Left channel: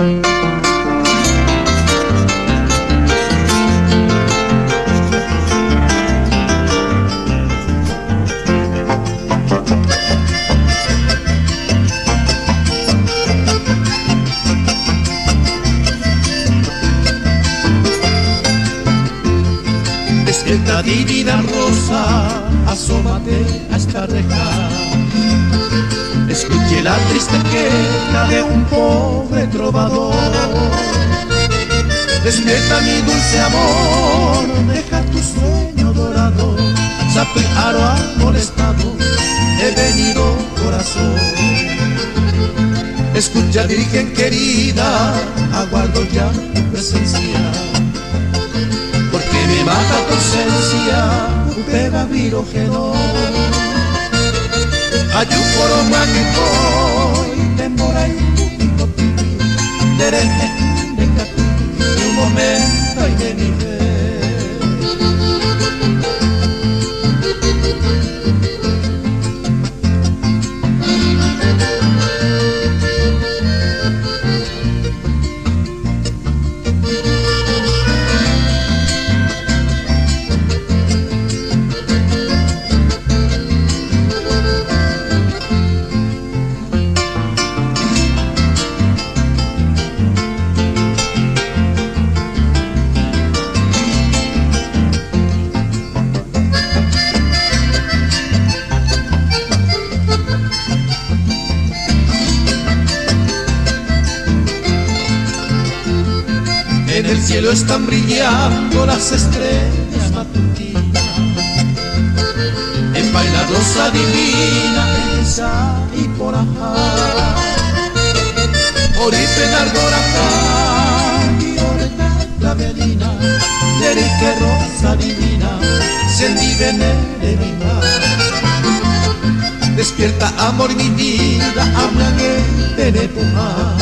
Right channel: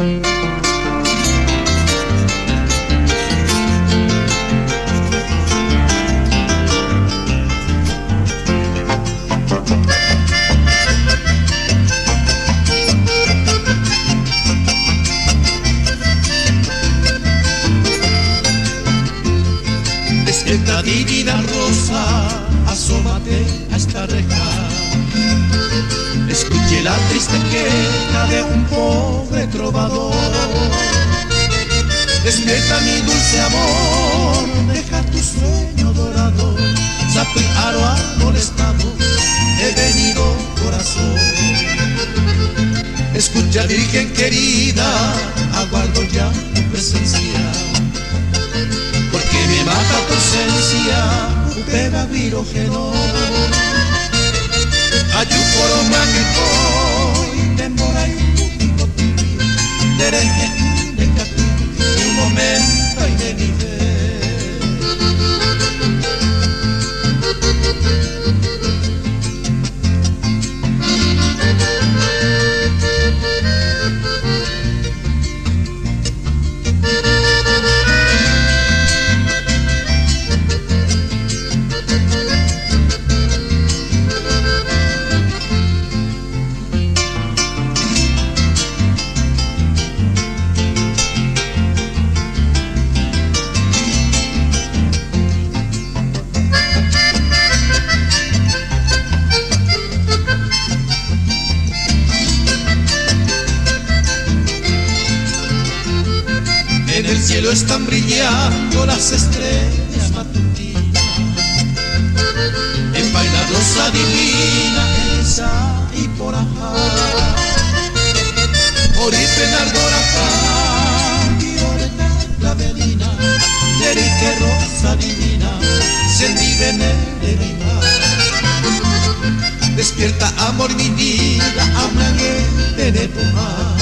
Despierta divina rosa, asómate a esta reja. Escuche la triste queja de un pobre trovador. Despierta mi dulce amor, deja tu sueño dorado. Zapearo ha molestado, he venido corazón. Escucha virgen querida, aguardo ya tu presencia. Porque me baja tu ausencia, upeba virógeno. Ayuporo mañucoy, temora y putikopi, dereje de capi, y un momento y de mi fe. En el cielo están brillando las estrellas matutinas. En vaina rosa divina, esa y por acá. Orife nargoracá, y oreja clavelina. Derique rosa divina, se vive en el mar. Despierta amor mi vida, hablaré de nepojar.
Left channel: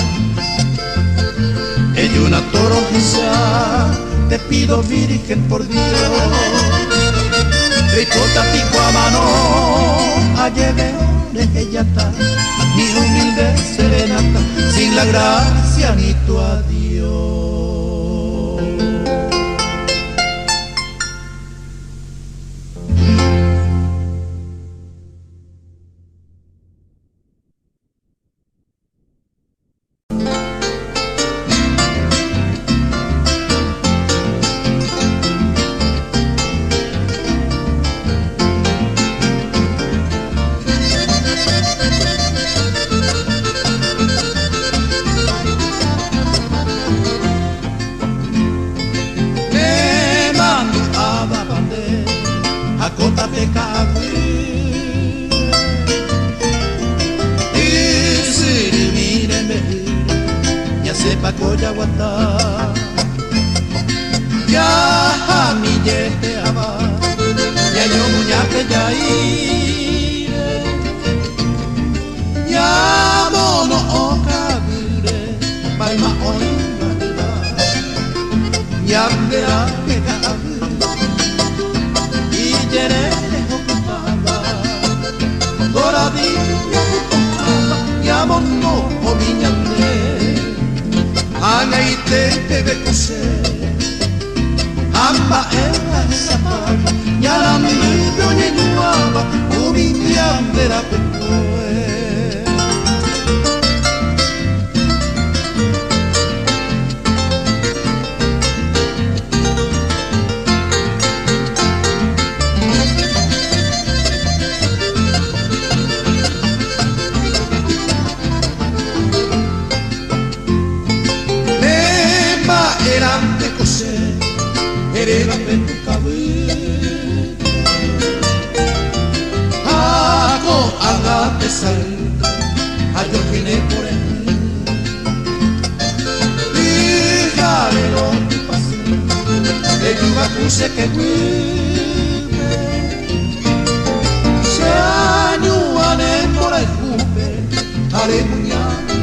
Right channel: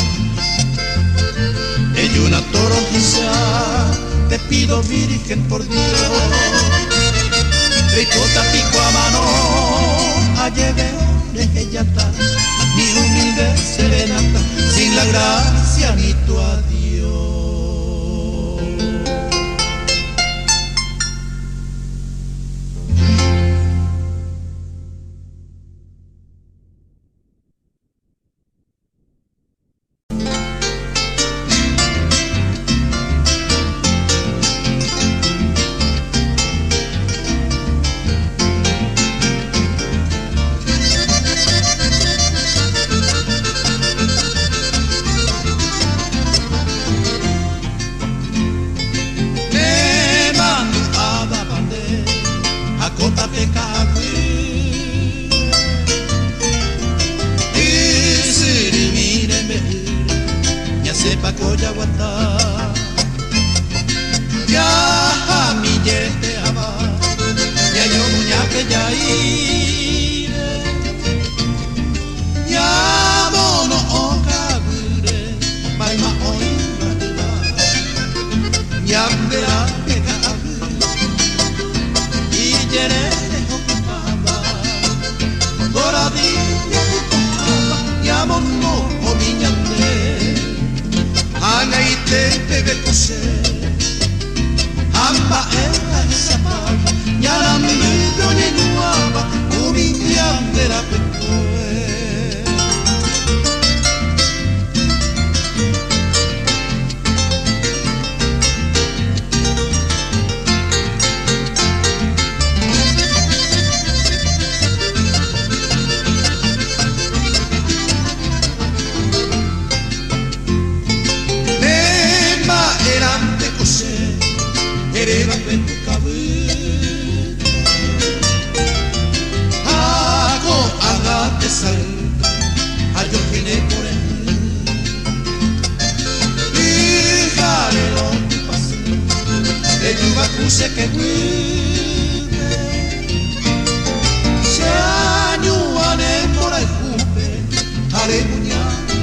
En una toronjisa te pido virgen por Dios. Ricota pico a mano, alleve que ya está. Mi humilde serenata, sin la gracia ni tu adiós. Kota pekakui Isiri mireme Ya sepa koya wata Ya mi yete aba Ya yo muñaque ya ire Ya mono okagure Baima oinga Ya mera pekakui Yerere okupaba, Goradilla okupaba, Yamono omiñate, Anaite pegekuse, Amba era zapata, Yaramino ninuaba, Umiñandera pekue. Era petucabi Hago agate sal Ayo fine por él Y jarero ti pasé El yuga puse que guide Se añuane por ahí cupe Haré muñaca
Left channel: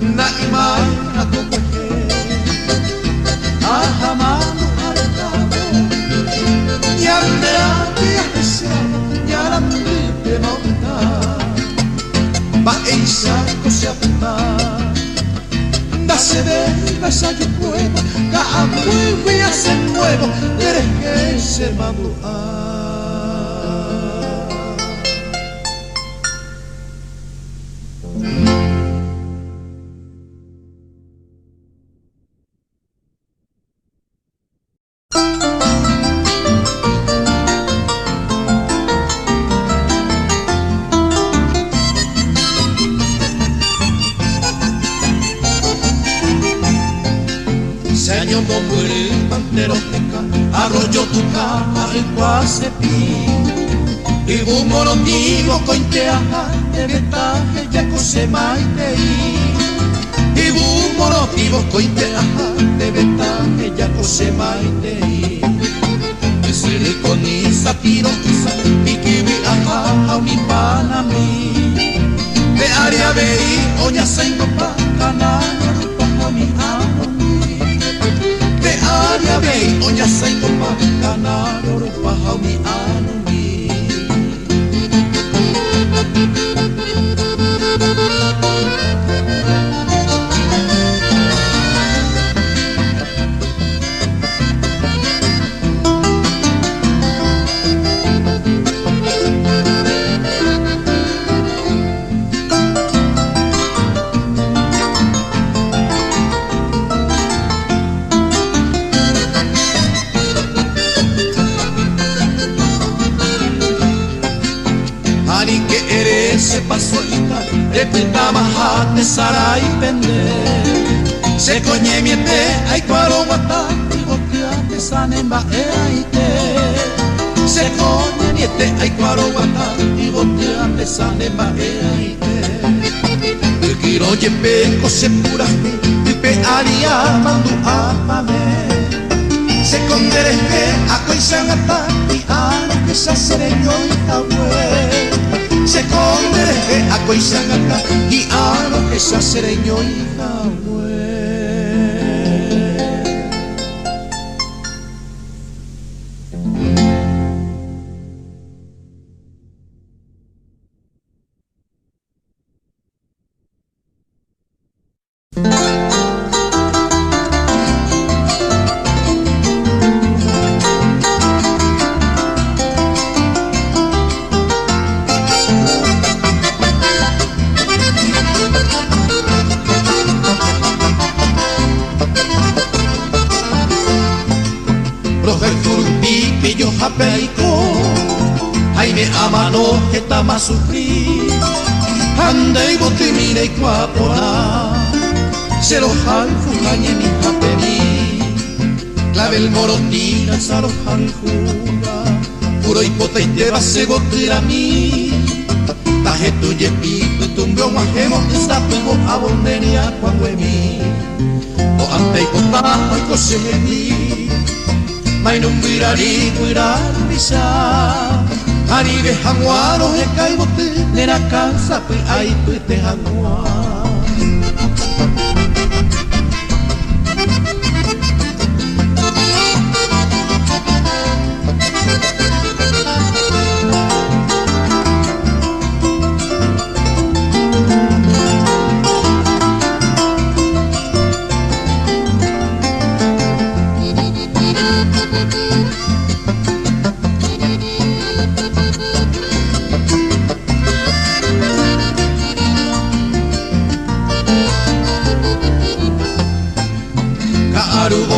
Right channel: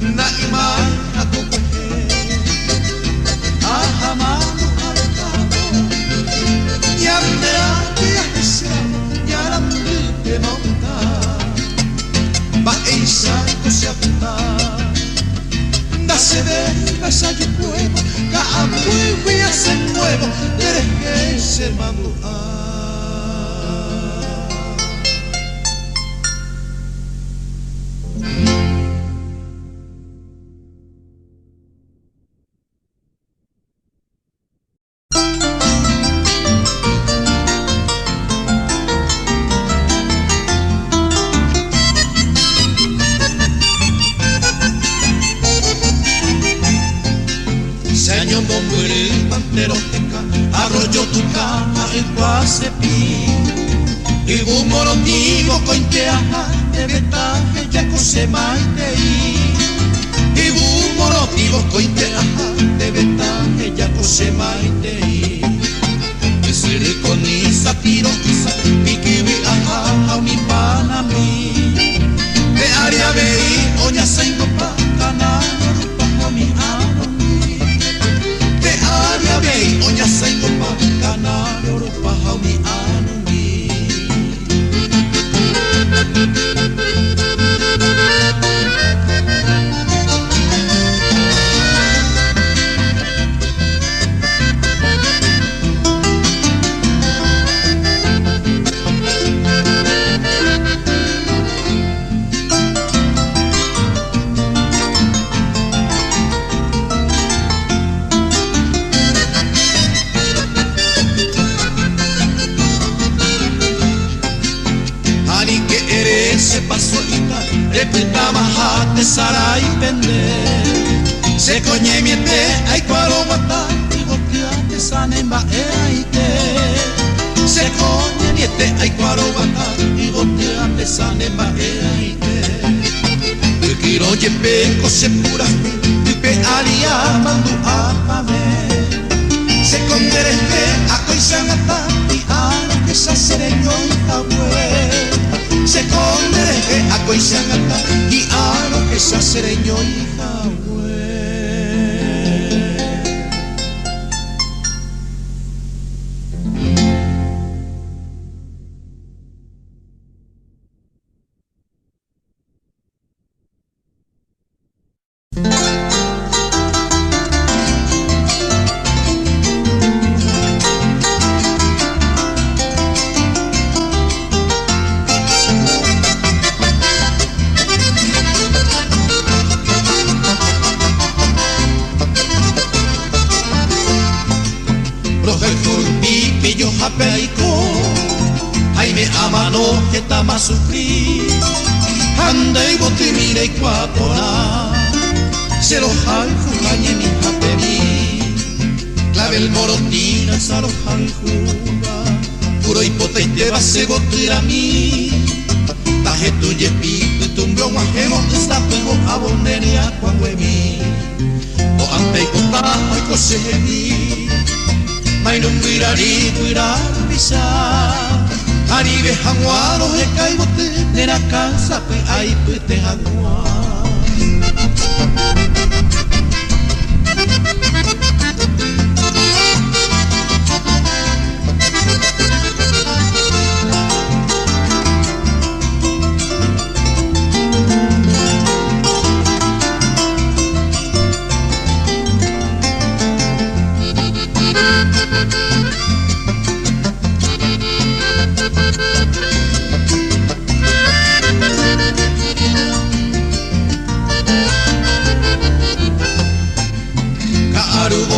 Na iman a tu coger Ahamanu alokado Yandera tiasa Yarandu te monta Ba isa kosiapta se ve, esa que puedo, cada muy a hacer nuevo, eres que se madura. Arroyo tu cama en Guacepí y un morontigo cointeaja de ventaje ya cose maitei y un morontigo cointeaja de ventaje ya cose maitei y si rico ni satiro y que vi a mi panamí de área veí oña sengo pa ganar pa mi anami Aria oña sengo pa ganar oro pa mi anami. Repitama sarai pende se coñe miete ay cuaro guata y gotiate sanemba eite se coñe miete ay cuaro guata y gotiate sanemba eite y quiero yembe cose pura y pe aria mandu apame se conderete a consangata y ano que se sereño y abue se conderete a consangata y ano que se sereño y abue. Jaime amano que tama sufrir anda y botimire y cuapona cero jalfugañe mi japeri clave el morotina saro jalfuga puro hipotente va se botir a mí taje tu yepito tumbro majemo esta pego a bonderia cuando mi o ante y contaba y cosemi Mainung wirari wirari bisa Aribe hanguaro he kaibote Nera kansa pe aipe te hanguaro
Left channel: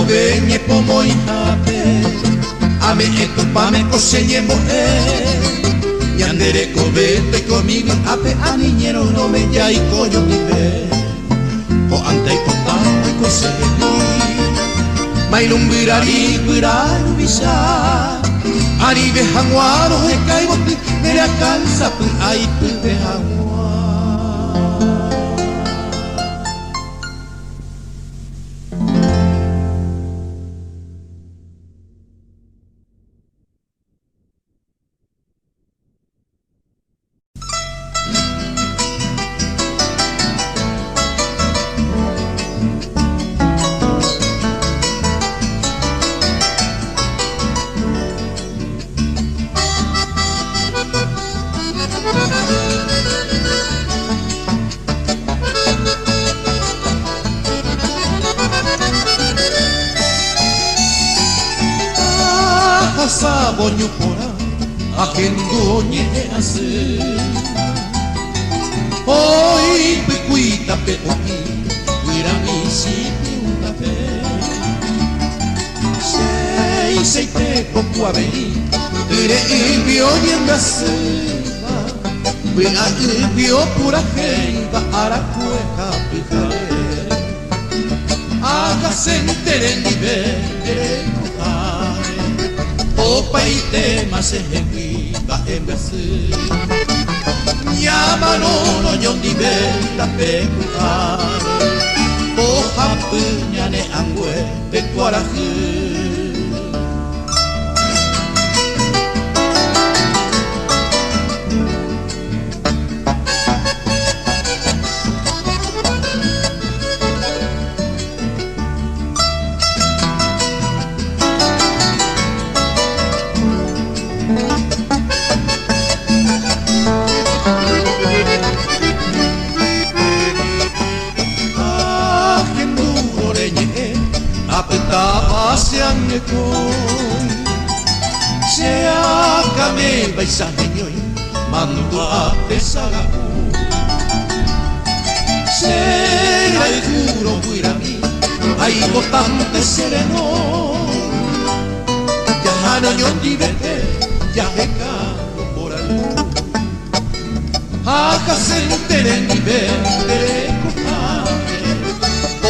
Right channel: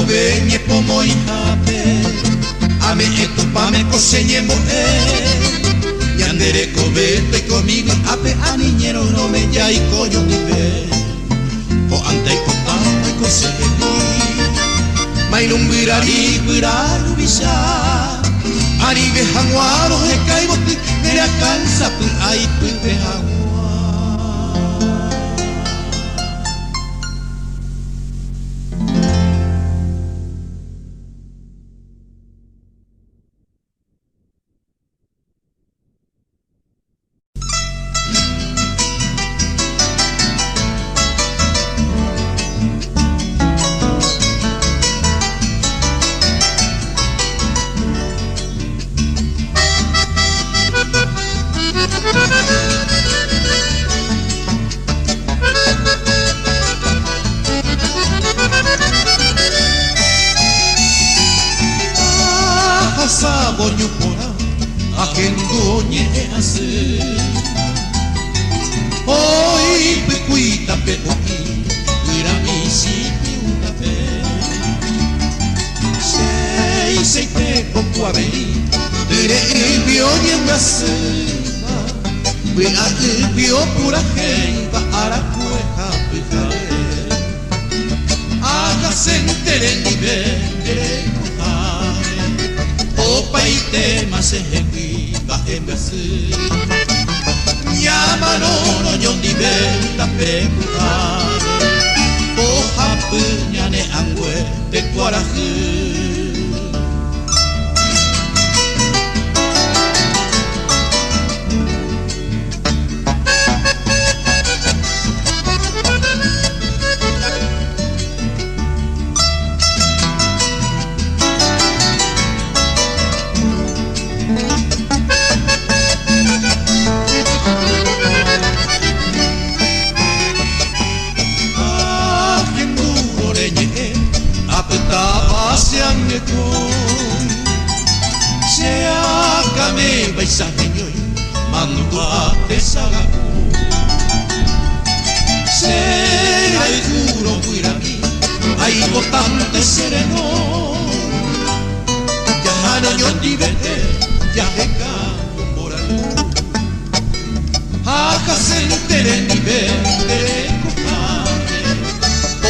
Beñe como hijape, a mí esto pa me coseñe moje, y andere cobete conmigo ape a niñero no me ya y coño ni ve, o ante y contando y coseñe, mailum virari virar visa, aribe hanguaro he caiboti, me alcanza tu ay tu de hanguaro. nyupora ajendoñe así. Hoy picuita peoki, wirami sipi una vez. Sei que cocuabeli, ire ibio bien gasiva, wina ibio pura jeiva aracueja pijae. Hágase entere nivel de cojae, opa y tema se ejecuiva en gasi. Llama no yon nivel da pecujae, oja puñane angüe de cuaraje. Seagame baisaheñoi mandua esalaku. Serai juro guirami ai botante sereno. Jahana yon divete yaheka moralu. Hágase entere nivete cojane,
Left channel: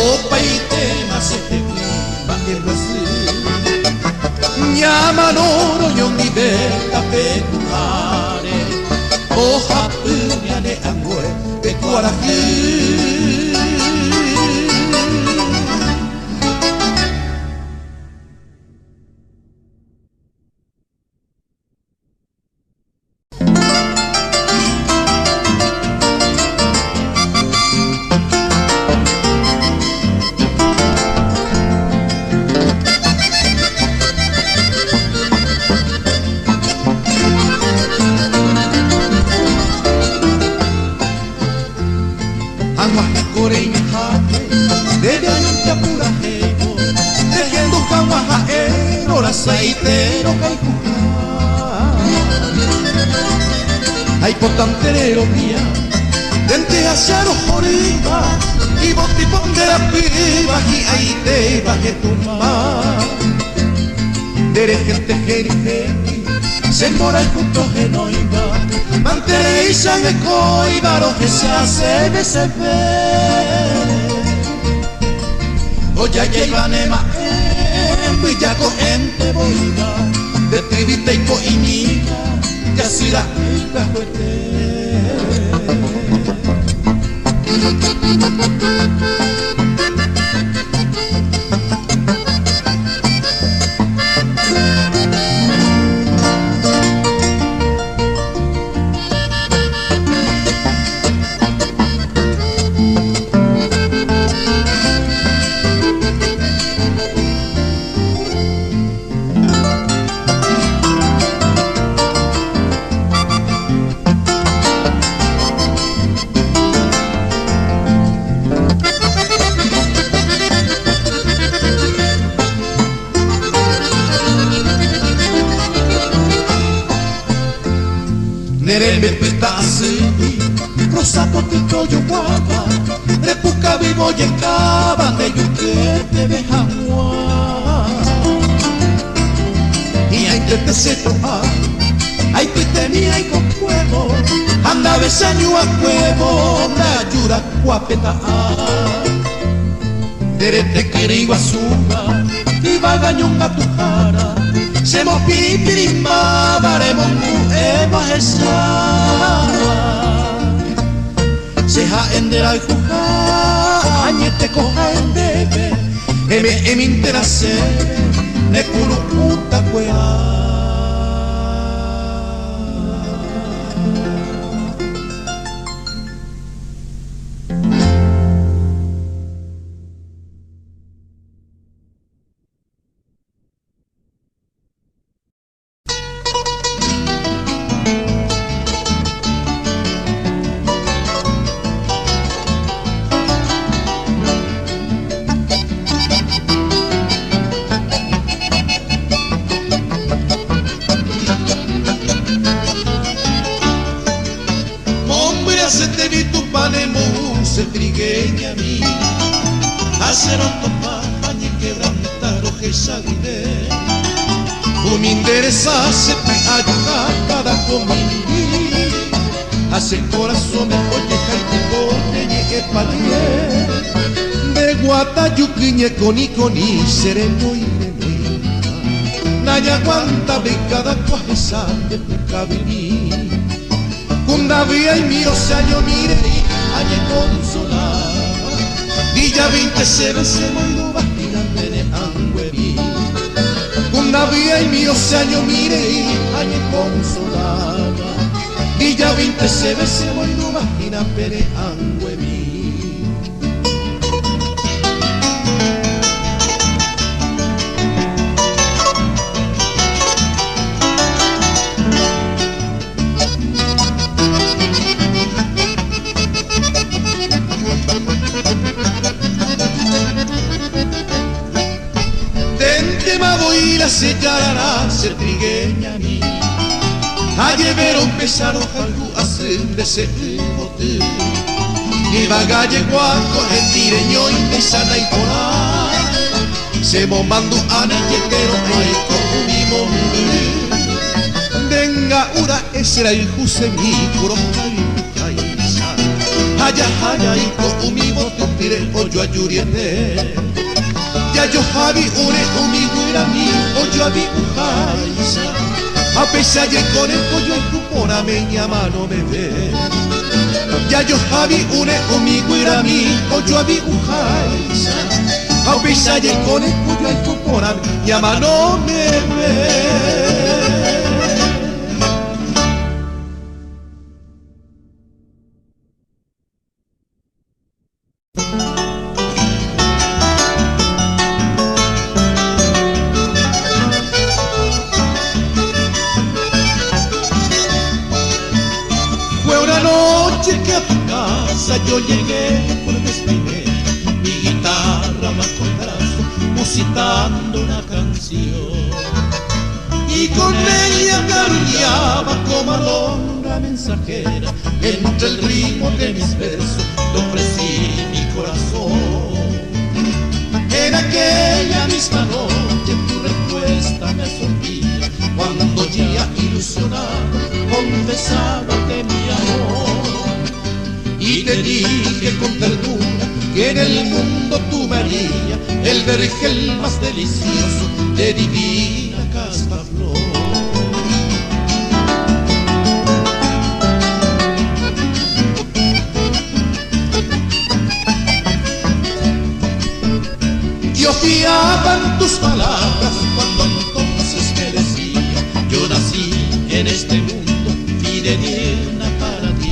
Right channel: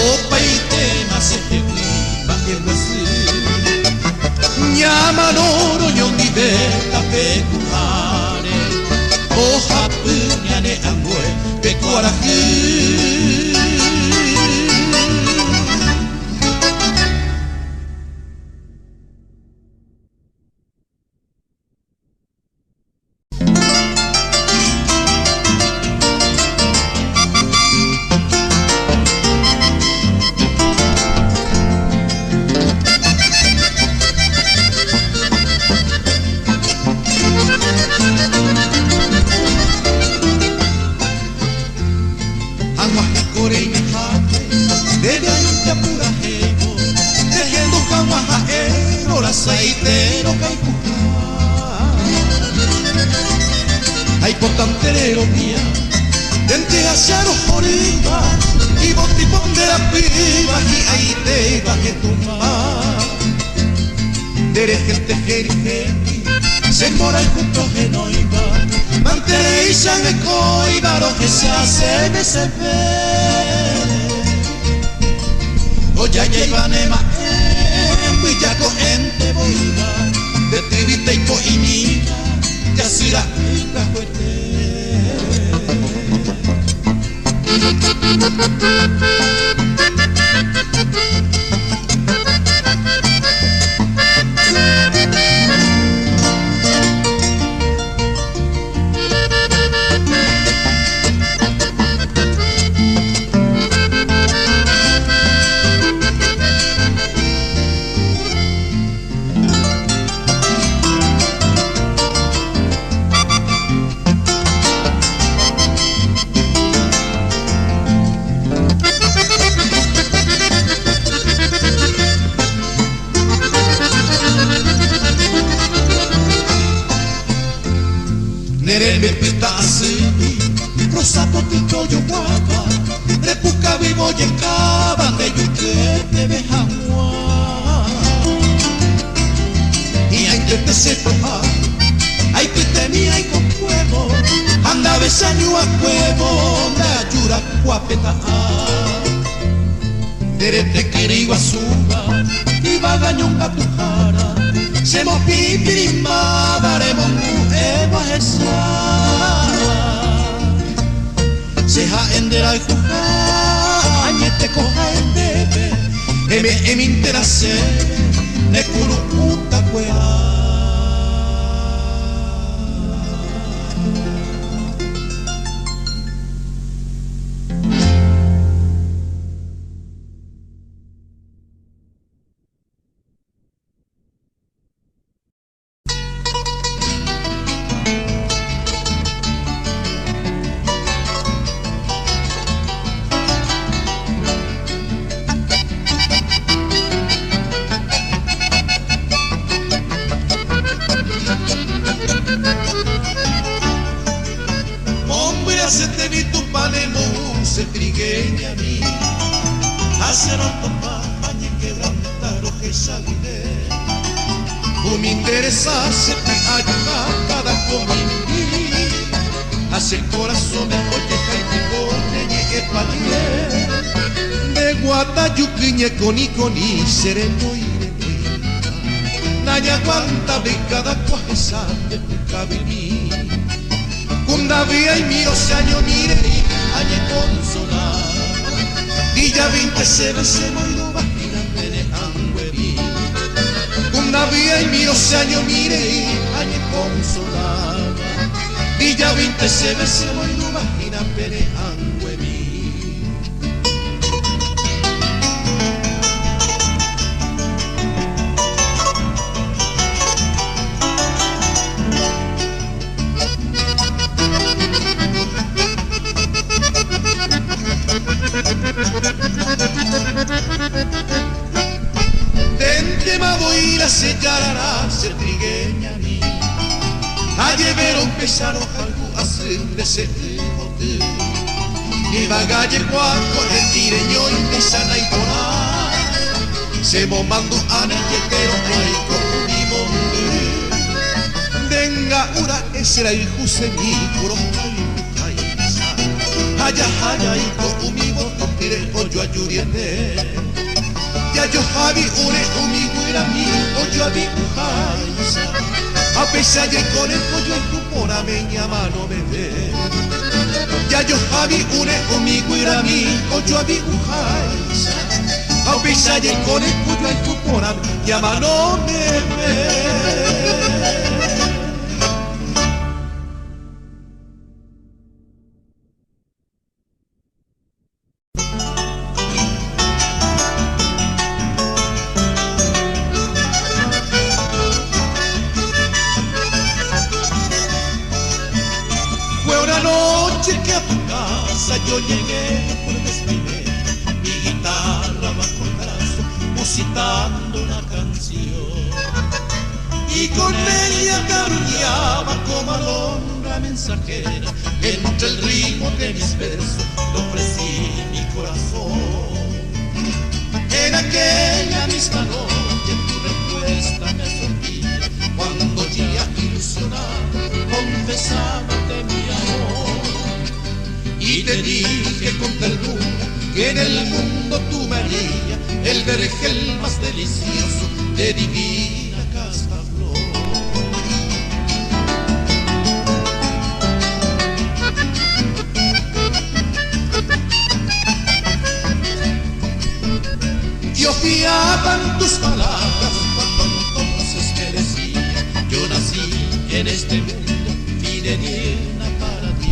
opa y tema se ejecuiva en así. Llama no yon diveta pecuare, oja puñane angüe pecuarají. Hay potanterero mía, vente hacia los jorimas, y vos te ponde la piba, y ahí te baje tu mar. Dere gente jerigeni, se mora y juntos genoiva, mantere y se me coida, lo que se hace de se ve. Oya llega nema, villaco ente boiga, de tiriteco y miga, y así la rica fuerte. Rosa potito yo guapa, repuca vivo y encaba de yuquete de jamua. Y hay que se coja, hay que tenía y con fuego, anda besando a fuego, la yura guapeta. Derete querido azúcar, y va gañonga tu cara, se mo pipirima, varemos mueva esa. Seja endera y coja, te coja en bebé, me interese, me curo puta cueva. de música trigueña mí, hacer autopapa ni quebrantar ojesa guide. Tu me interesase ayudar cada comingui, hace el corazón me oye jaite coñe epalie. De guatayuquiñe coni sereno y Naya aguanta de cada cuaja de pucabini. Cundavía y miro saño mire, añe consolar. Villa 20 se moiro bajira de Anguerí. Cundavía y miro saño mire, añe consolar. Villa 20 se moiro bajira de Anguerí. Y la sellará ser trigueña mí. Ayer vieron pesar algo hacer de ese bote. Ni bagalle guaco, retireño y pesana y porá. Se bombando a pero no hay como mi monte. Venga, ura, ese era el juse mi coro. Haya, haya, y como mi bote, tire hoyo a yuriete. Ya yo javi ure conmigo era mi oyo a mi ujaisa. A pesar de con el pollo el cupora me llama no me ve. Ya yo javi ure conmigo era mi oyo a mi ujaisa. A pesar de con el pollo el cupora me llama no me ve. Yo llegué por vestirme, mi guitarra bajo el brazo, musitando una canción. Y con ella garuleaba como alondra mensajera, entre el ritmo de mis versos, le ofrecí mi corazón. En aquella misma noche tu respuesta me sorprendía, cuando ya ilusionado confesaba de mi amor. Y te dije con ternura que en el mundo tú María, el vergel más delicioso de divina casta flor. Yo fiaba en tus palabras cuando entonces me decía, yo nací en este mundo y de nierna para ti.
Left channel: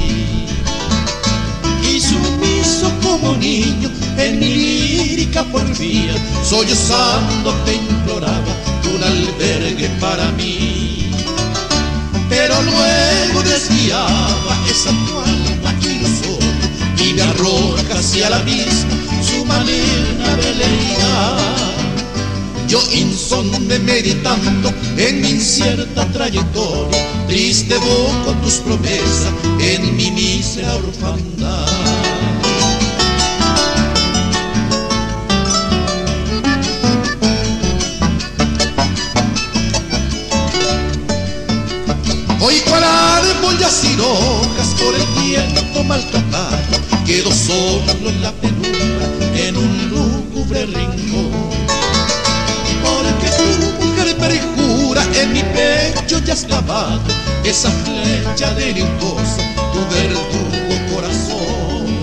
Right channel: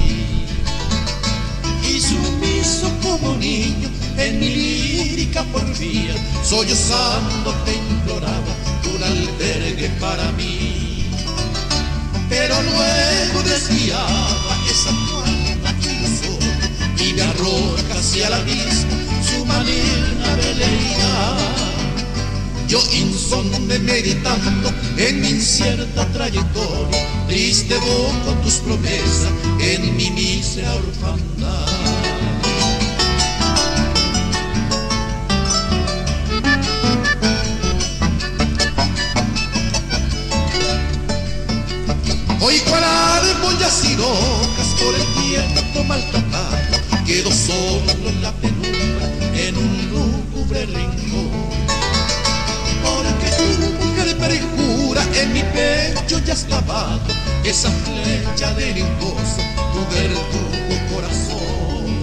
Sumiso como niño en mi lírica porfía, sollozando te imploraba un albergue para mí. Pero luego desviaba esa tu alma ilusoria y me arroja hacia la misma su manera de leer. Yo insonde meditando en mi incierta trayectoria, triste evoco tus promesas en mi mísera orfandad. Hoy cual árbol ya sin hojas por el viento maltratado, quedo solo en la penumbra en un lúgubre rincón. Porque tu mujer perjura en mi pecho ya has clavado esa flecha deliciosa, tu verdugo corazón.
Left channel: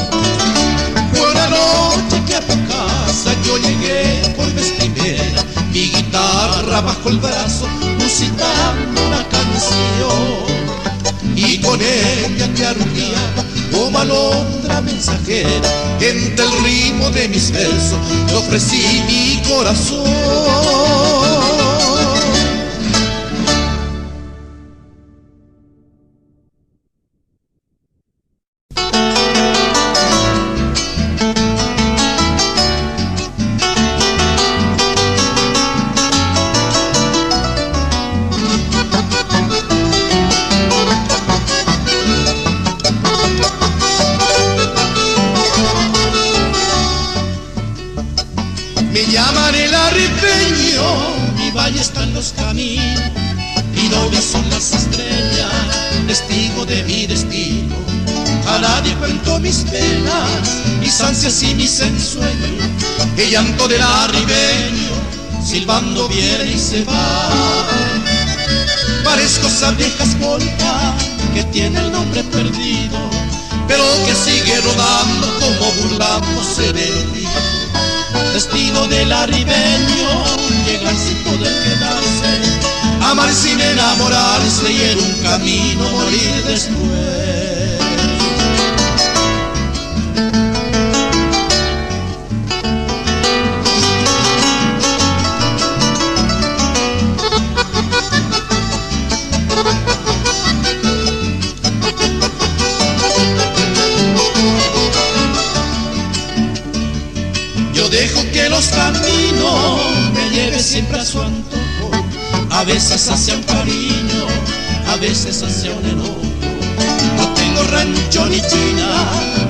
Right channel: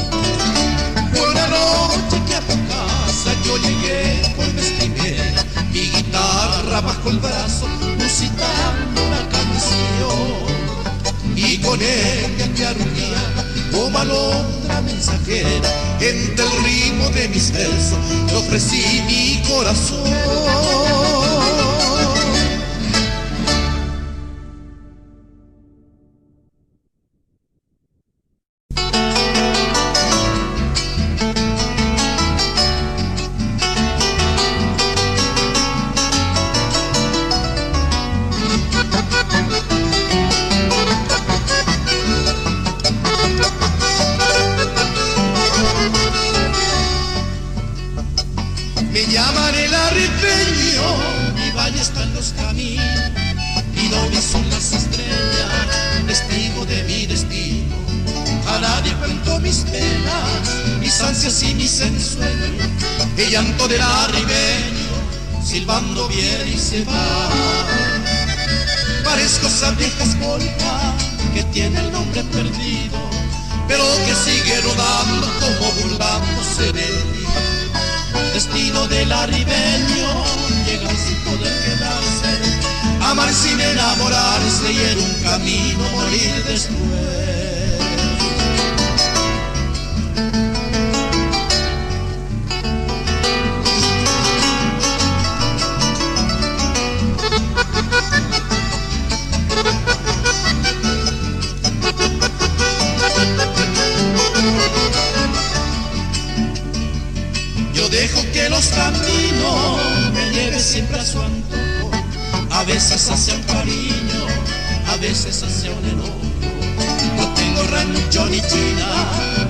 Fue una noche que a tu casa yo llegué por vez primera, mi guitarra bajo el brazo, musitando una canción. Y con ella te arrullaba como alondra mensajera, entre el ritmo de mis versos te ofrecí mi corazón. arribeño, mi valle están los caminos, mi novia son las estrellas, testigo de mi destino. A nadie cuento mis penas, mis ansias y mis ensueños, el llanto del arribeño, silbando viene y se va. Parezco esa vieja escolta que tiene el nombre perdido, pero que sigue rodando como burlándose de ti. Destino del arribeño, llegar sin poder quedarse, amar sin enamorarse y en un camino morir después. Dejo que los caminos me lleven siempre a su antojo, a veces hacia un cariño, a veces hacia un enojo. No tengo rancho ni china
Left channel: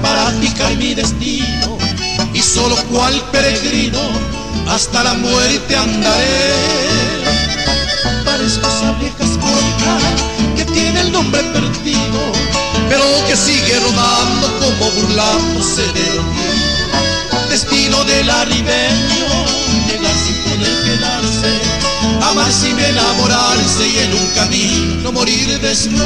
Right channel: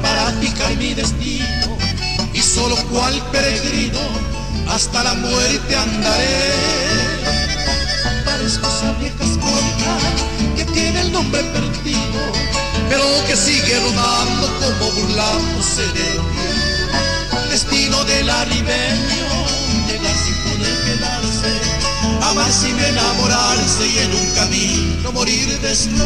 para fijar mi destino, y solo cual peregrino hasta la muerte andaré. Parezco esa vieja escolta que tiene el nombre perdido, pero que sigue rodando como burlándose de ti. Destino del arribeño, llegar sin poder quedarse, amar sin enamorarse y en un camino morir después.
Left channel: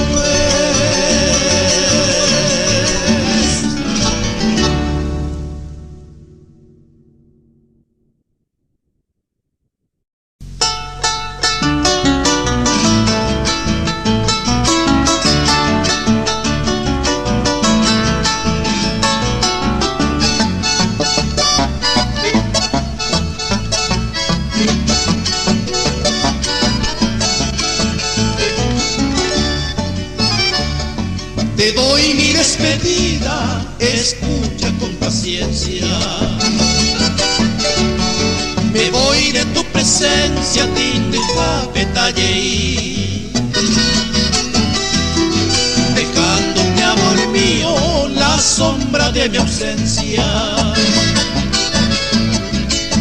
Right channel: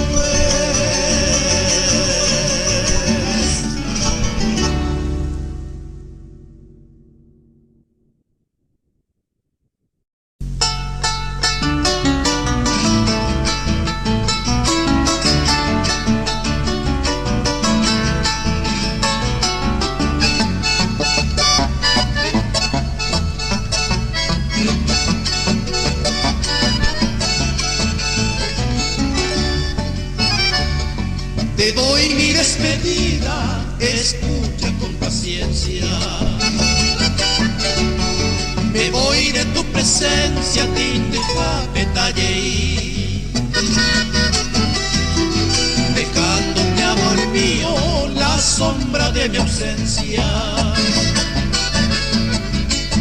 Te doy mi despedida, escucha con paciencia. Me voy de tu presencia, tinto y papetalle, dejándote, amor mío, la sombra de mi ausencia.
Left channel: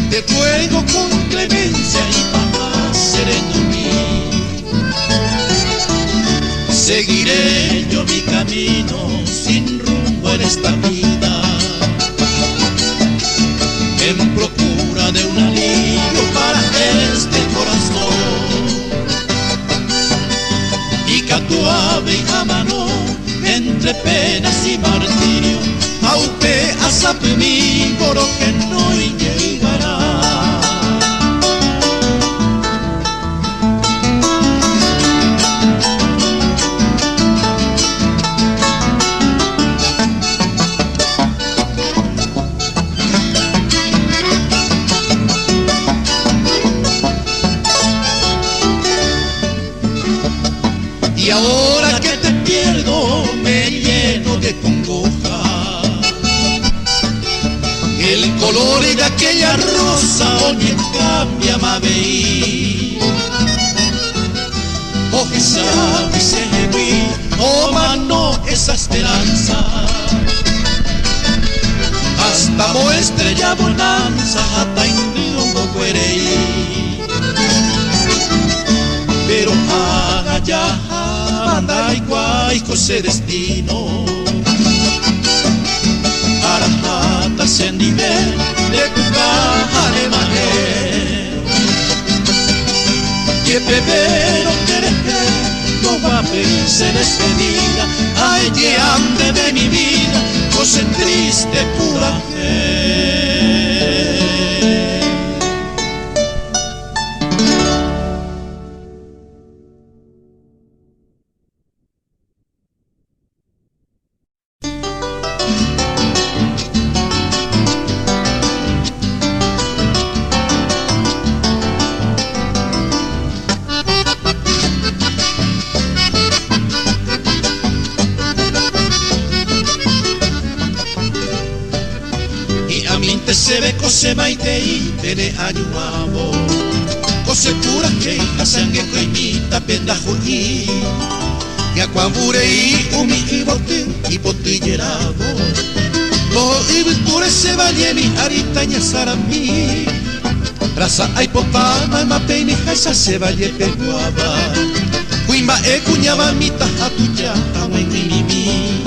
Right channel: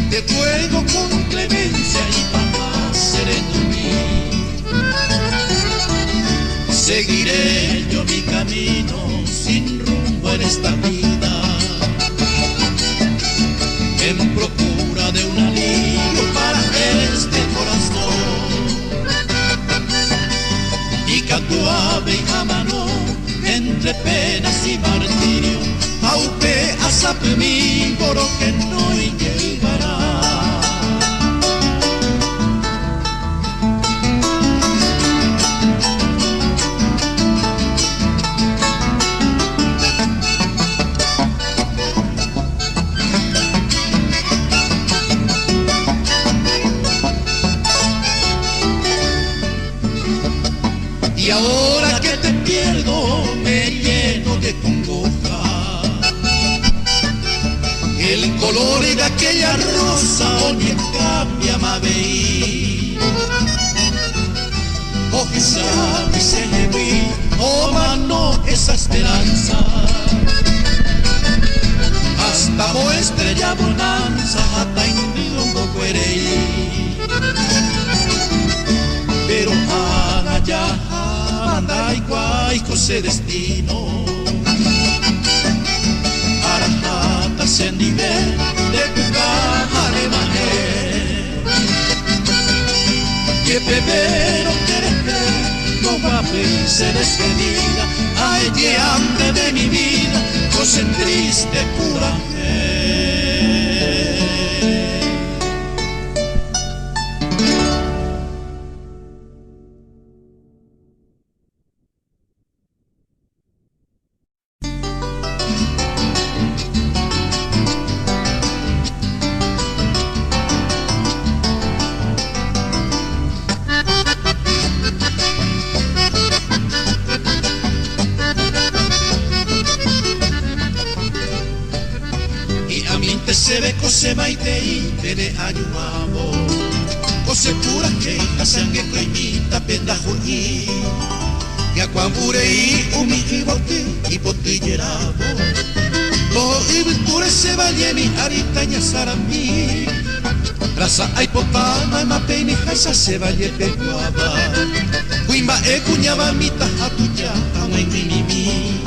Te ruego con clemencia y paz sereno mío. Seguiré yo mi camino sin rumbo en esta vida, en procura de un alivio para este corazón. Y catuave y jamano, entre penas y martirio, aupe asape mi coro que no llegará. Y ahora que te pierdo me lleno de congoja, el color de aquella rosa ni cambia ma veí. Oh quizá mi seguí, oh mano esa esperanza, hasta mo estrella bonanza, hasta indigo un poco ereí. Pero haga ya anda igual José destino, arajata se nivel de tu caja de mané. Y el bebé no quiere que no va a verse despedida, ay que ande de mi vida, pues en triste pura fe. Se ve cose maite te de ayuamo, cose pura que casangue cañita penda juñi, y acuambure y umi y botillerago, lo y victore se valle mi aritaña saramí, Rasa ai potama ma pene hasa se valle te guava Kuimba e kunyaba mita hatuja Amoi kuimimi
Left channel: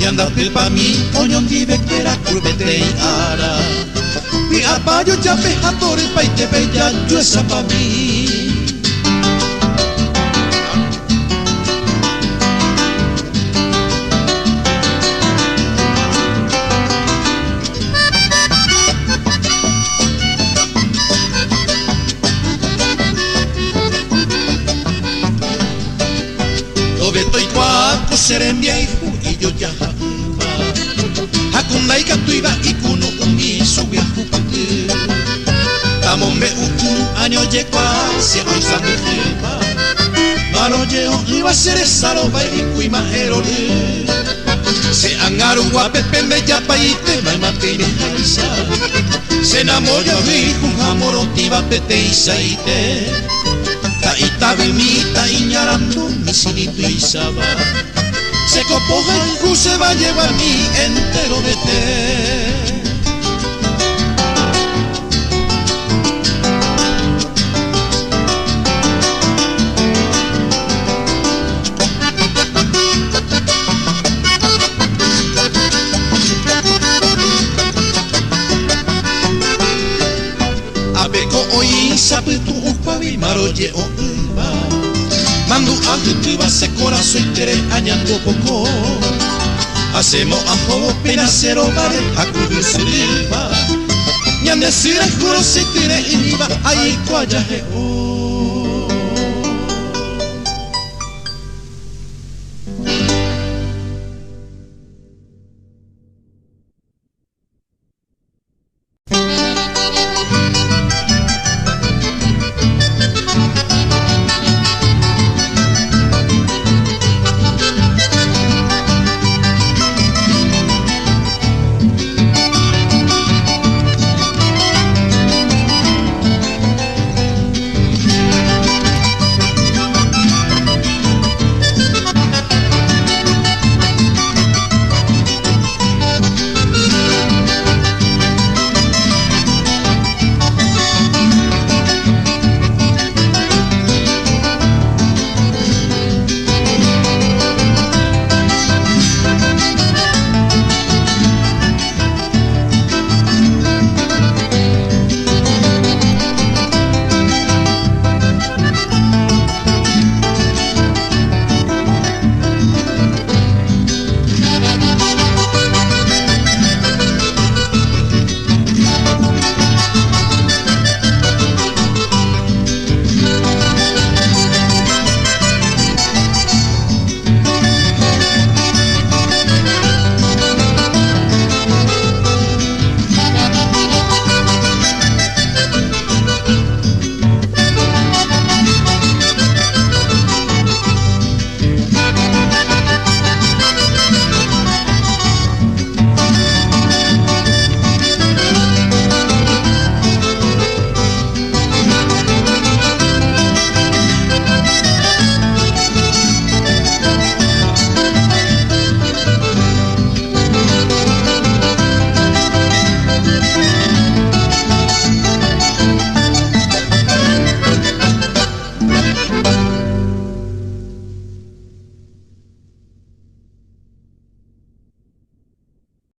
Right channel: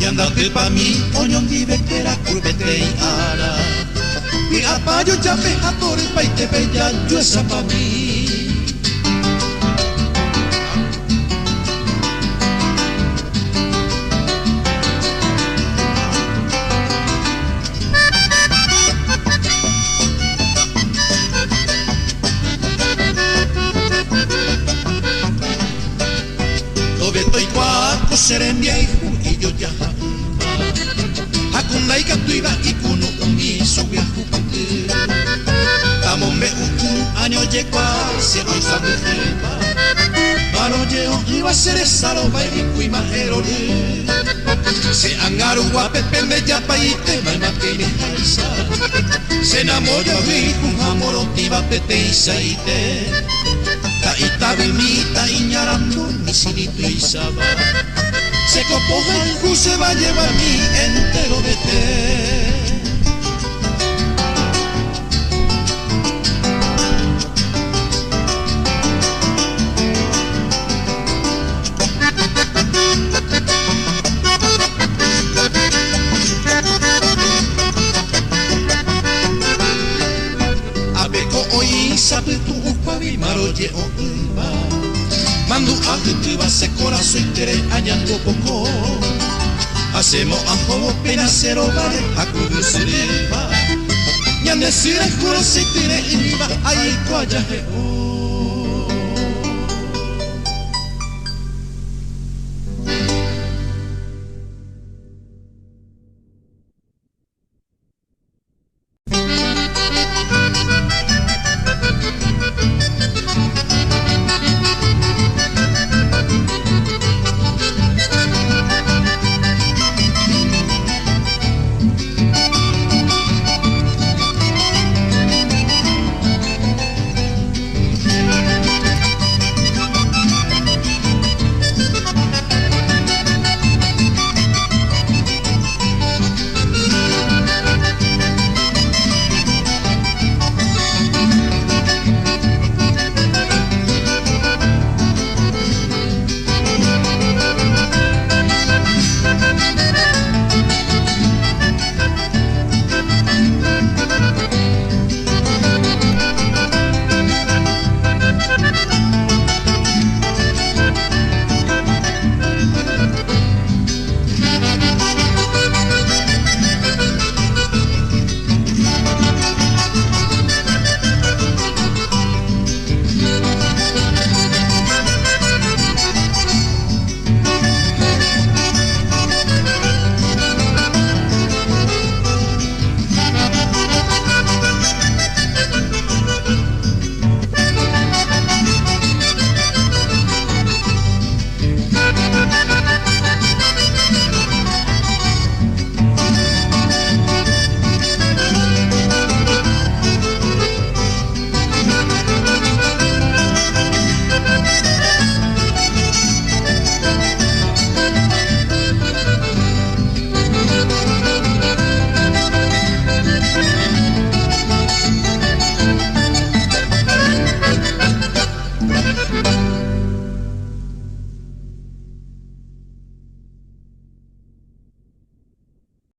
Nyandate pa mi onyon di vetera kurbetrei ara Mi apayo jape hatore pai te bella yo esa pa mi Beto kuako serembia ihu iyo jaha ima Hakunai katuiba ikuno umi sugi hupake Tamombe ukunu anyo je kwa se onsambe ima Malo je on iba sere salo baigi kuima erole Se angaru guapepe me japa ite mai mateire haisa Se namoya viku hamorotiba pete isaite Itabi mita iñarando mi sinito y saba Se copoja y se va a llevar mi entero de té Abeko oi sabe tu upavi maroye o uba Mandu ajutiva se corazón tere añango poco Hacemos ajo pena cero vale a cubrir seriba Ñandesira juro se quiere iba ahí cuayaje o